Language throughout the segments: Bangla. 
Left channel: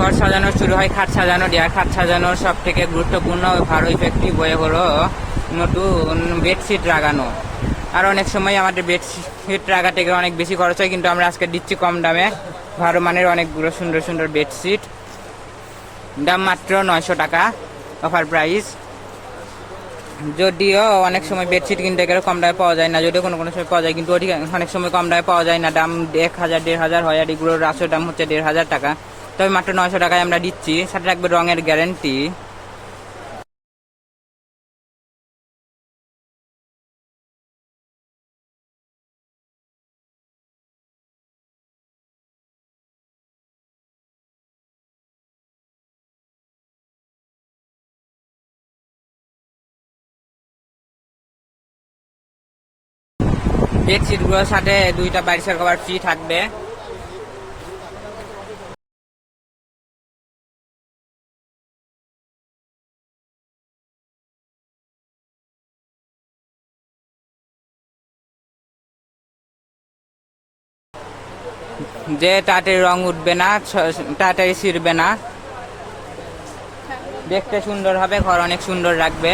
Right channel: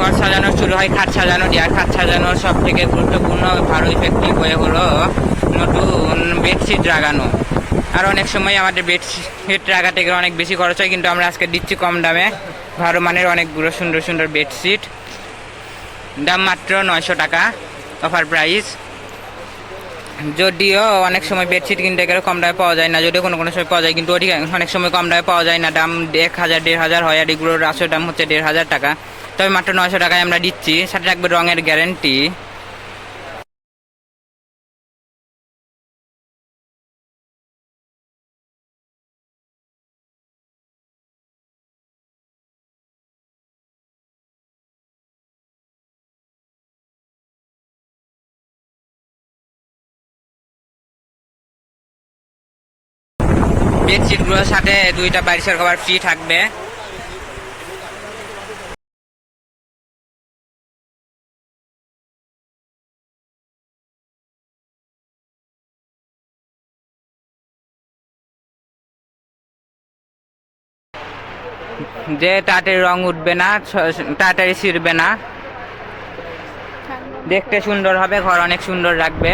ঘর সাজানো শুরু হয়, খাট সাজানো দিয়ে আর খাট সাজানোর সব থেকে গুরুত্বপূর্ণ ভালো ইফেক্টিভ হয়ে হলো নতুন বেডশিট লাগানো আর অনেক সময় আমাদের বেডশিট লাগাতে গেলে অনেক বেশি খরচ হয়, কিন্তু আমরা আজকে দিচ্ছি কম দামে। ভালো মানের অনেকগুলো সুন্দর সুন্দর বেডশিট। দাম মাত্র নয়শো টাকা অফার প্রাইস। যদিও অনেক সময় বেডশিট কিনতে গেলে কম দামে পাওয়া যায় না, যদিও কোনো কোনো সময় পাওয়া যায়, কিন্তু অনেক সময় কম দামে পাওয়া যায় না। দাম এক হাজার, দেড় হাজার হয়, আর এগুলোর আসল দাম হচ্ছে দেড় হাজার টাকা। তবে মাত্র নয়শো টাকায় আমরা দিচ্ছি। সাথে রাখবে রঙের গ্যারেন্টি। বেডশিটগুলোর সাথে দুইটা বারিশের কভার ফ্রি থাকবে। যে তাড়াতাড়ি রং উঠবে না তাড়াতাড়ি ছিঁড়বে না। দেখতে সুন্দর হবে, ঘর অনেক সুন্দর রাখবে।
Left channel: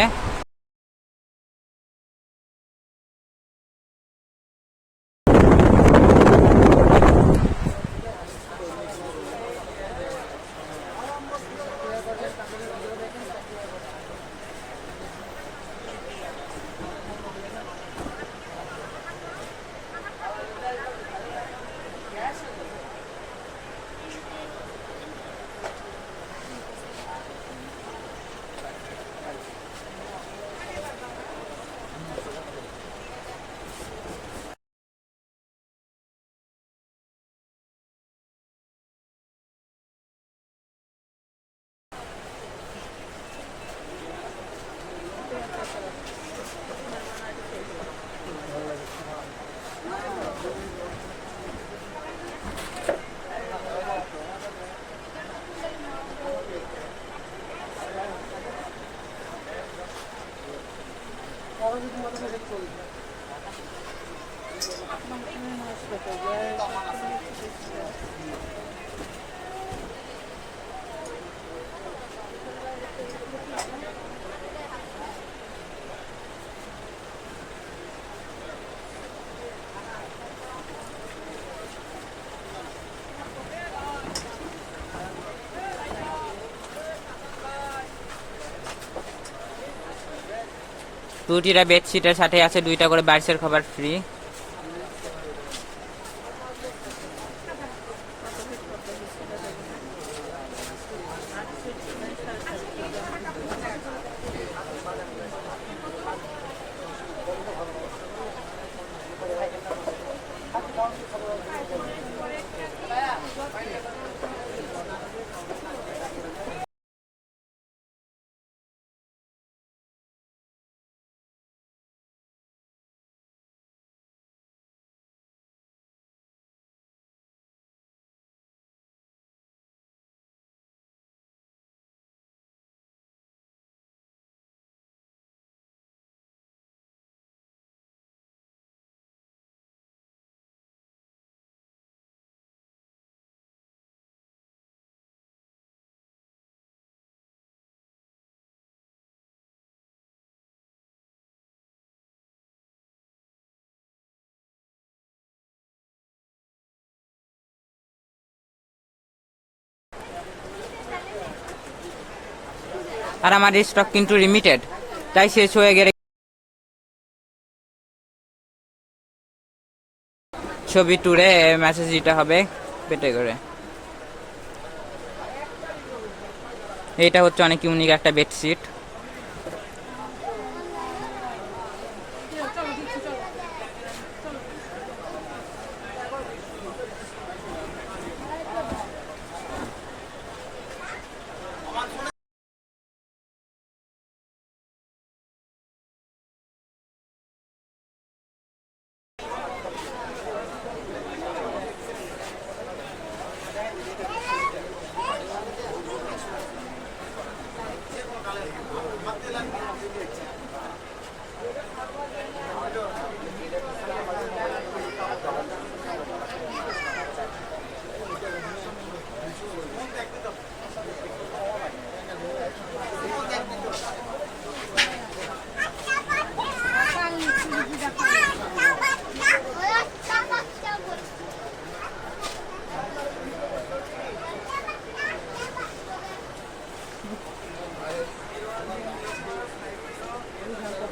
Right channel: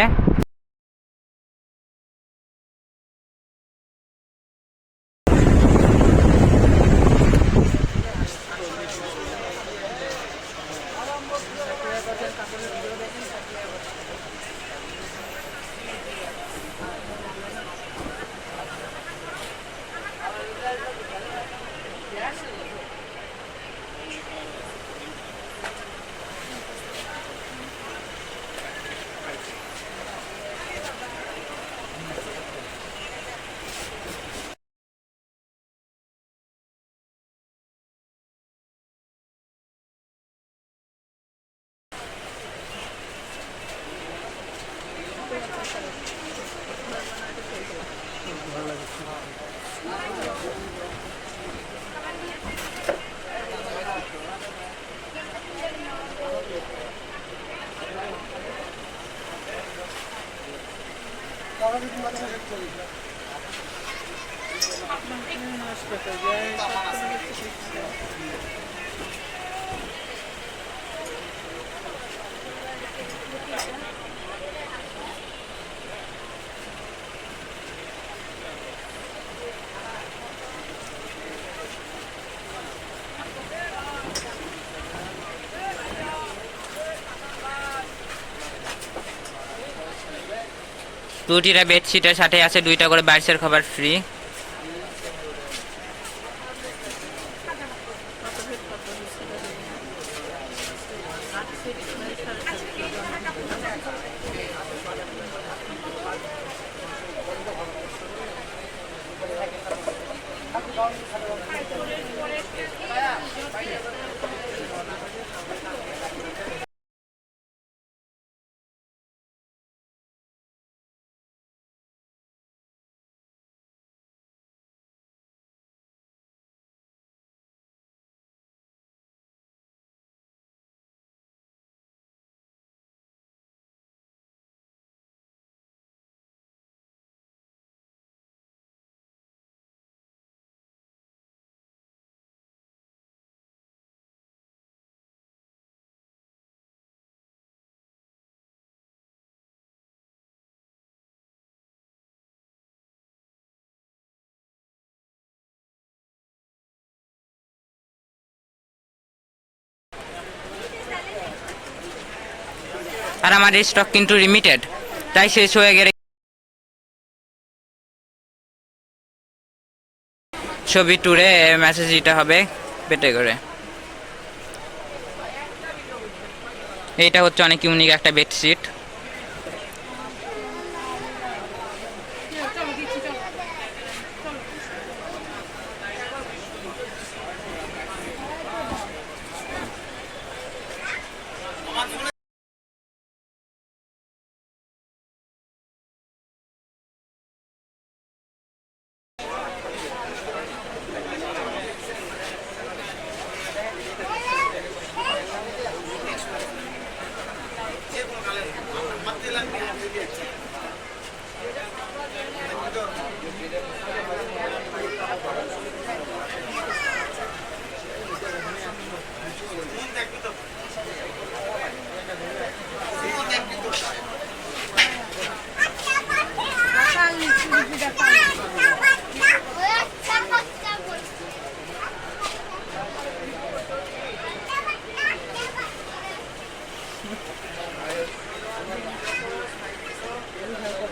Thank you. দুটিটা বেডশিটের সাথে আছে দুইটা করে বারিশের খাবার ফ্রি আর আমার স্টক কিন্তু লিমিটেড তাই শেষ হয়ে গেলে ছবি টুরে মেসেজ দিতে হবে পেটে করে। এটা হচ্ছে অনেক ইউনিক একটা বেডশিট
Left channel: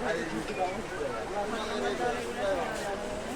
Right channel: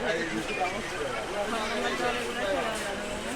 Thank you.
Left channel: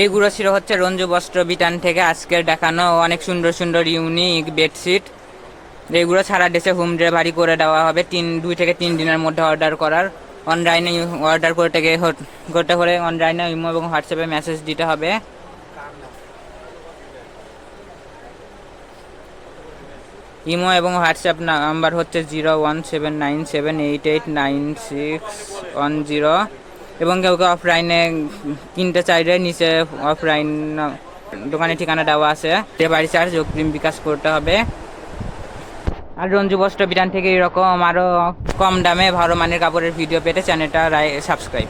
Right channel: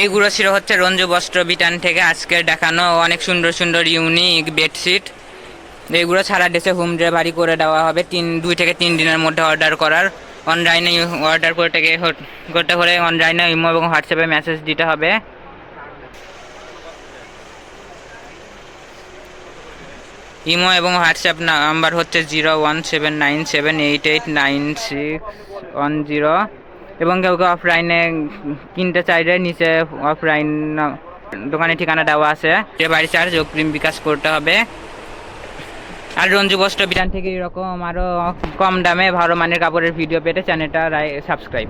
এইগুলো ছিল হচ্ছে রঞ্জু বস্ত্র বিতান থেকে আজকে দেখানো অনেক সুন্দর সুন্দর ইউনিক বেডশিট এইগুলো সারা দেশে হোম ডেলিভারি করে দেওয়া হবে। তিন, দুই থেকে তিন দিনের মধ্যে অর্ডার করার। অনলাইনে অর্ডার করতে করতে হলে অনলাইনে ইমো এবং হোয়াটসঅ্যাপে মেসেজ দিতে হবে। ইমো এবং হোয়াটসঅ্যাপ নাম্বার হচ্ছে zero one seven nine seven eight eight nine six one zero এবং কেউ কেউ অফলাইনে কিনতে চাইলে নিচে অফলাইন দোকানের ঠিকানা দেওয়া আছে। ডেলিভারি চার্জ অগ্রিম বিকাশ করতে হবে। আর রঞ্জু বস্ত্র বিধান থেকে এরকম আরও কম দামে ভালো মানের কাপড়ের ভিডিও পেতে চ্যানেলটা সাবস্ক্রাইব